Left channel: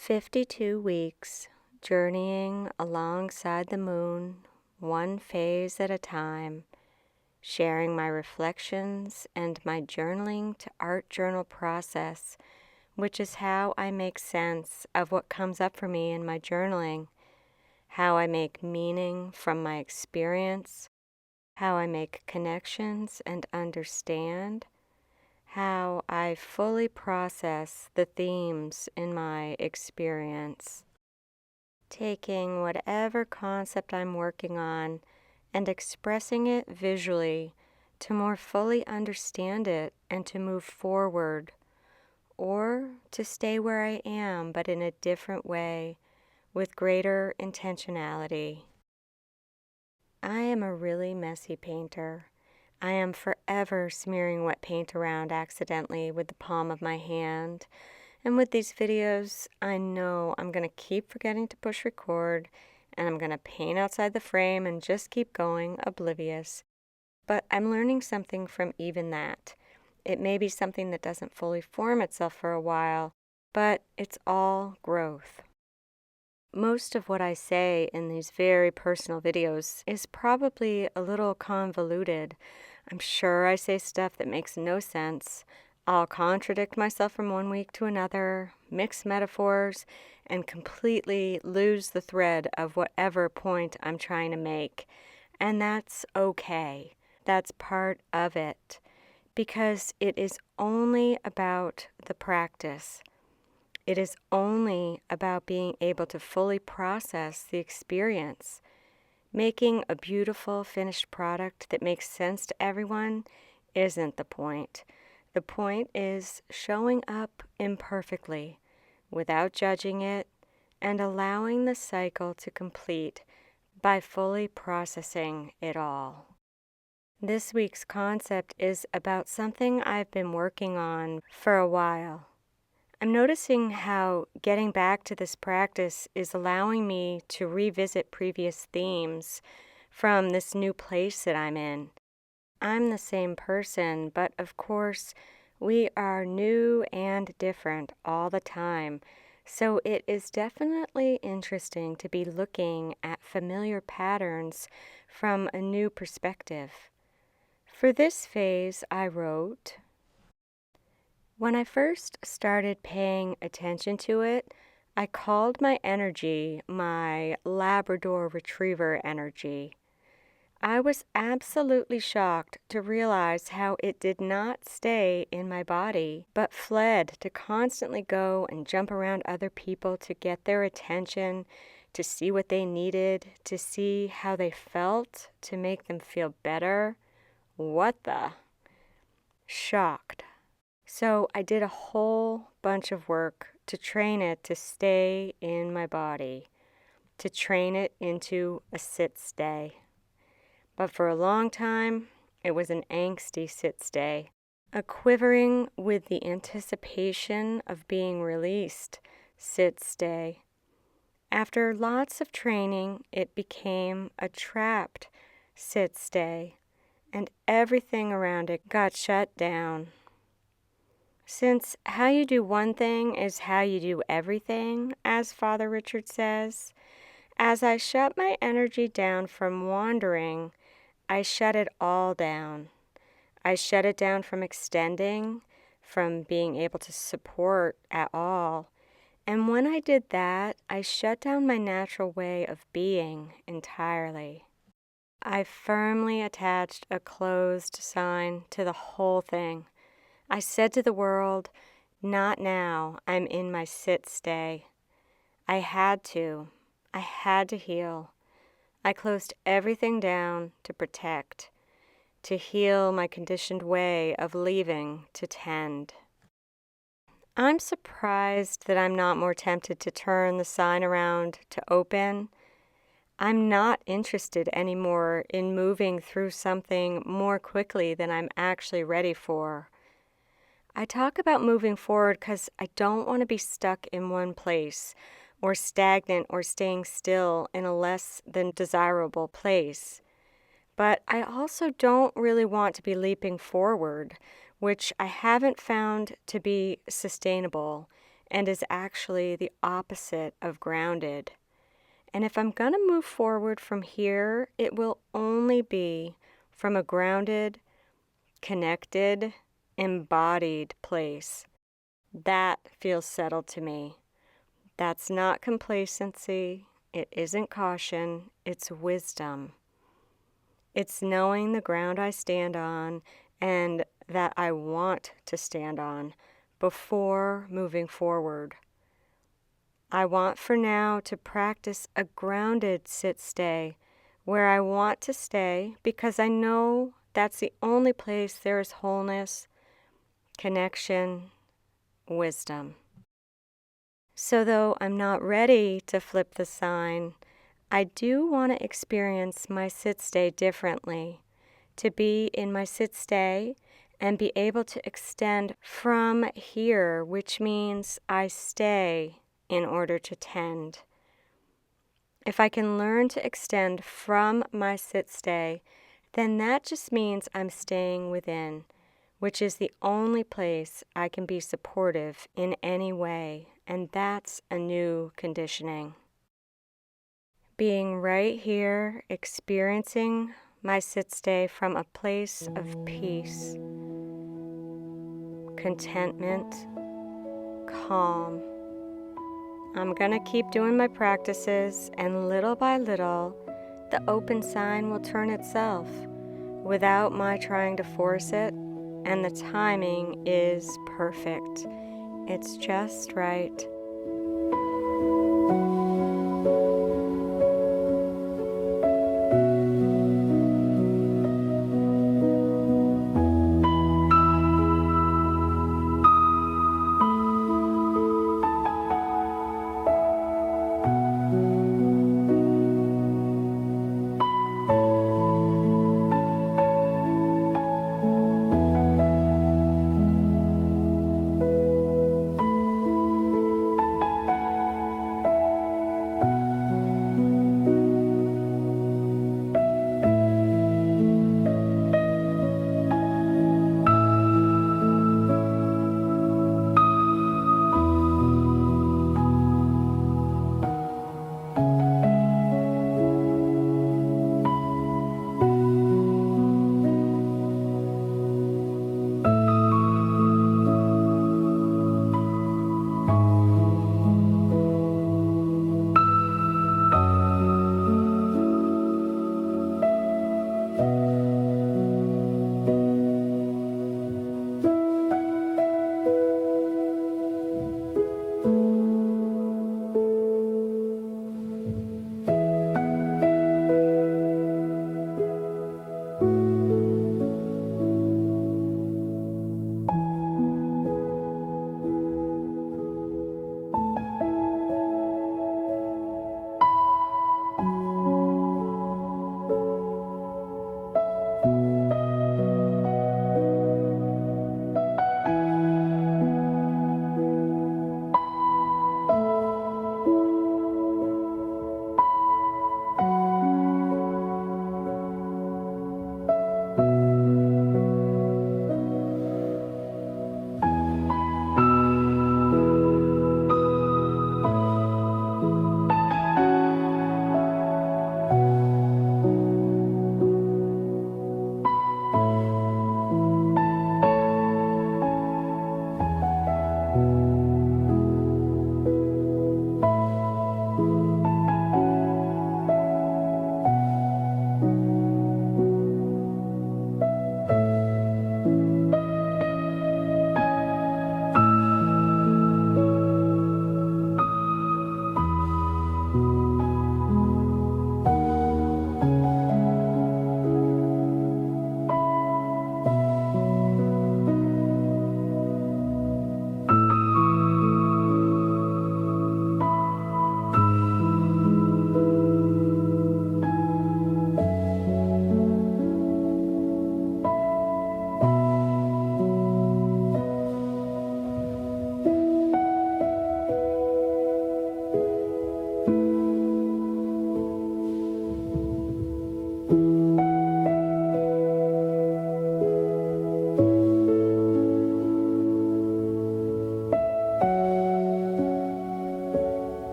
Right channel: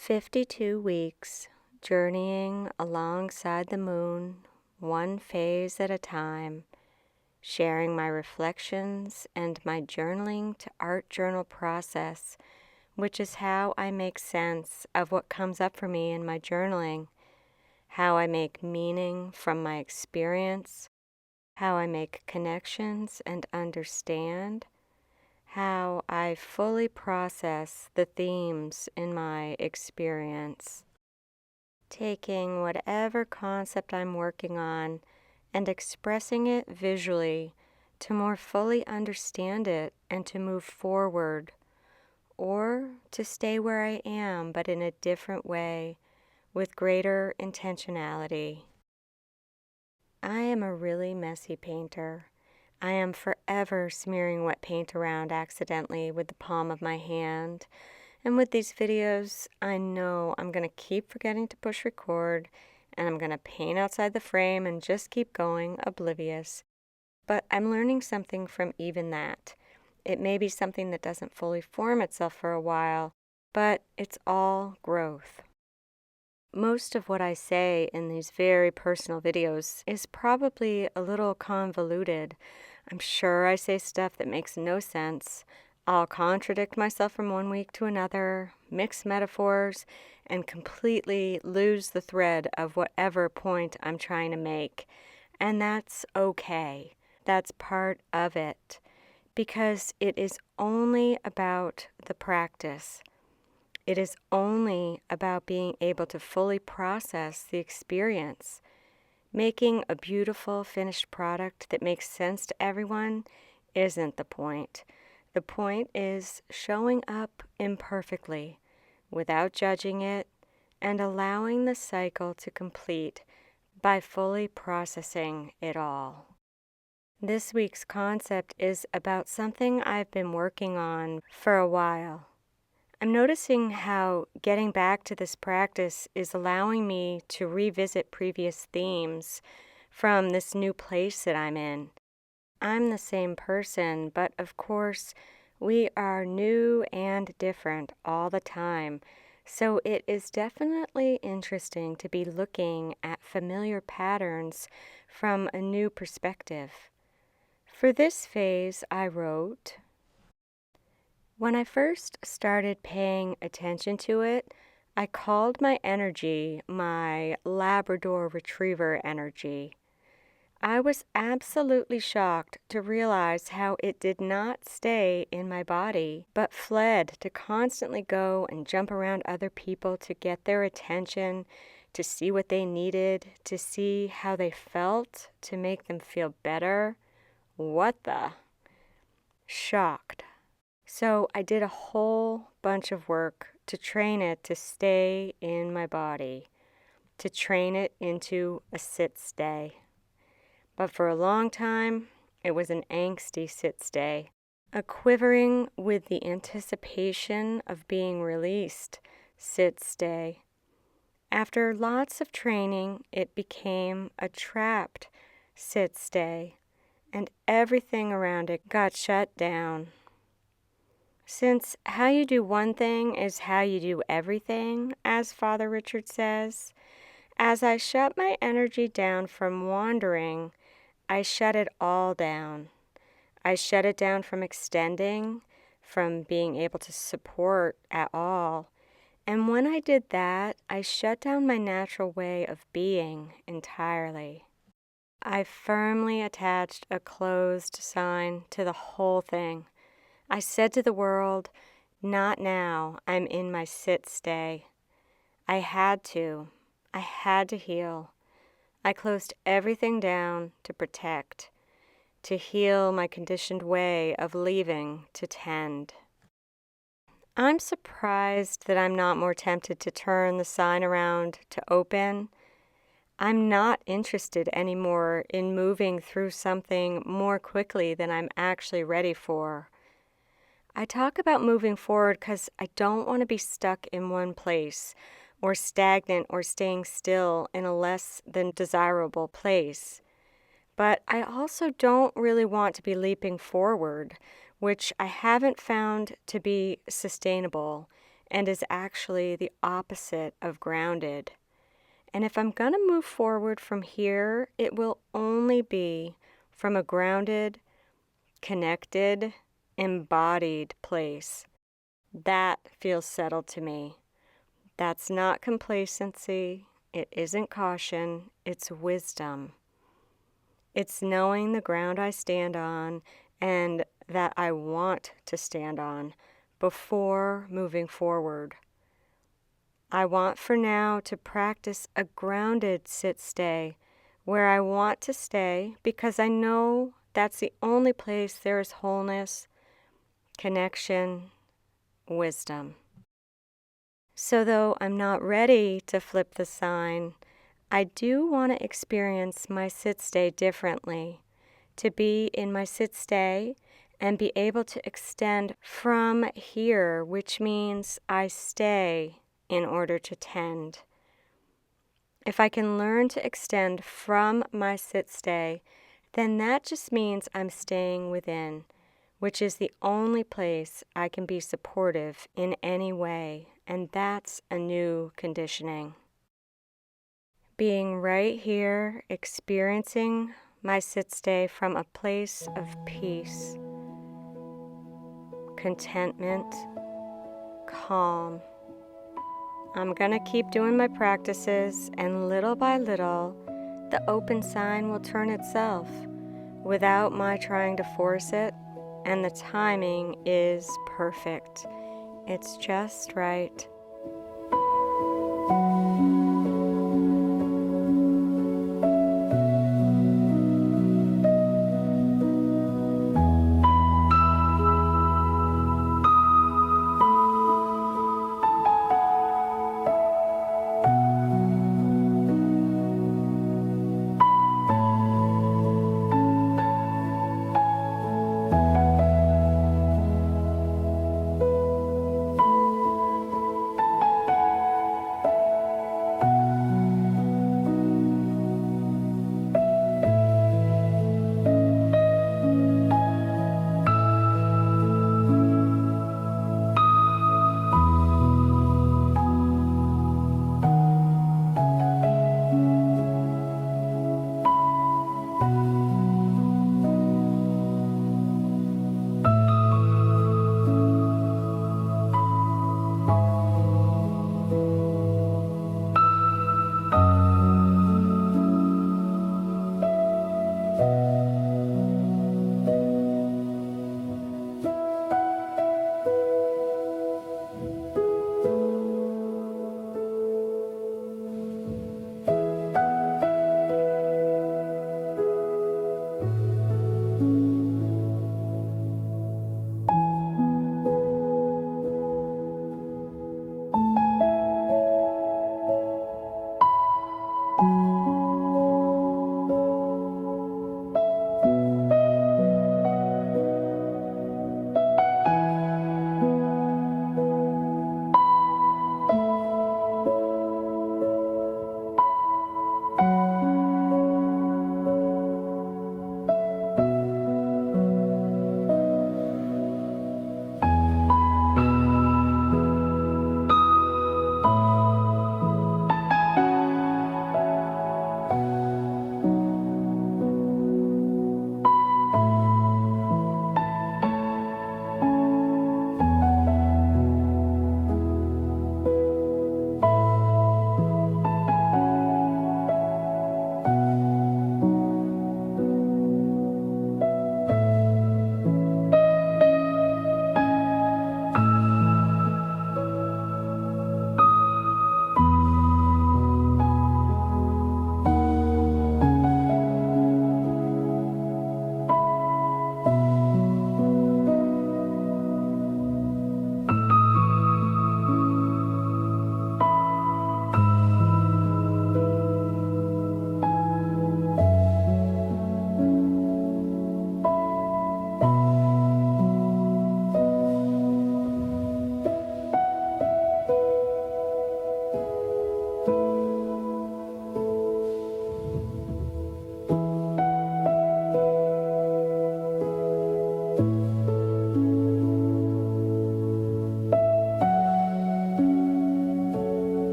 52 weeks journeying alongside the moon, one phase at a time, sharing my reflections and my journaling to art journal process, which is how I make sense of what comes up for me in my journaling, how I make meaning from my experience, how I make connections and understand, how I fully process the themes in my experience. Taking whatever concept I'm working on and expressing it visually to more fully understand it and to move forward, or to stay where I am but in a different way with greater intentionality. I am a really messy painter. I am forever smearing wet paint around accidentally with the palm of my hand. And with these videos, I know I'm going to keep forgetting to push record, and I'm going to paint outside the frame and just keep going, oblivious. But I'm learning something from even that. It may be something that doesn't fully form itself for a while, but it's all growth. Most of what I say in these very personal videos is probably a little convoluted. I'm sure I say stuff that makes no sense. I'll contradict myself from one week to another, mix metaphors, and completely lose the thread of whatever point I'm trying to make. And that's okay. That's part of it, because it is only about the practice. It is only about being able to fully process the experience. Making a beautiful finished product that makes sense to everyone isn't the point. The point is showing up imperfectly, without judging it, and allowing the cycle to complete by fully processing it all. This week's concept is about something I've been working on for a while. I'm noticing how getting back to this practice is allowing me to revisit previous themes from this new place that I'm in. I'm the same person, but of course, we are new and different all the time. So it is definitely interesting to be looking at familiar patterns from a new perspective. For this phase, I wrote, when I first started paying attention to it, I called my energy my Labrador Retriever energy. I was absolutely shocked to realize how it did not stay in my body, but fled to constantly go and jump around other people to get their attention, to see what they needed, to see how they felt, to make them feel better. What the? Shocked. So I did a whole bunch of work to train it to stay in my body, to train it into a sit-stay. But for a long time, it was an angsty sit-stay, a quivering with the anticipation of being released sit-stay. After lots of training, it became a trapped sit-stay, and everything around it got shut down. Since how you do one thing is how you do everything, as Father Richard says, as I shut my energy down from wandering, I shut it all down. I shut it down from extending, from being able to support at all. And when I did that, I shut down my natural way of being entirely. I firmly attached a closed sign to the whole thing. I said to the world, not now, I'm in my sit-stay. I had to heal. I closed everything down to protect, to heal my conditioned way of leaving to tend. I'm surprised that I'm not more tempted to turn the sign around to open. I'm not interested anymore in moving through something more quickly than I'm actually ready for. I talk about moving forward because I don't want to be stuck in one place or stagnant or staying still in a less than desirable place. But I also don't really want to be leaping forward, which I haven't found to be sustainable and is actually the opposite of grounded. And if I'm going to move forward from here, it will only be from a grounded, connected, embodied place. That feels settled to me. That's not complacency. It isn't caution. It's wisdom. It's knowing the ground I stand on and that I want to stand on before moving forward. I want for now to practice a grounded sit-stay where I want to stay because I know that's the only place there is wholeness, connection, wisdom. So though I'm not ready to flip the sign, I do want to experience my sit-stay differently, to be in my sit-stay and be able to extend from here, which means I stay in order to tend. If I can learn to extend from my sit-stay, then that just means I'm staying within, which is the only place I can be supportive in any way, and that's a new conditioning. Being right here, experiencing my sit-stay from a place of peace, contentment, calm. I'm going to keep doing my practices, and little by little, the open sign will turn itself without my trying to force it, and the timing is perfect. It's just right.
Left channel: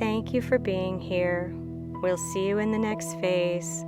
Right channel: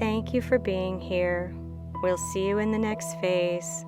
Thank you for being here. We'll see you in the next phase.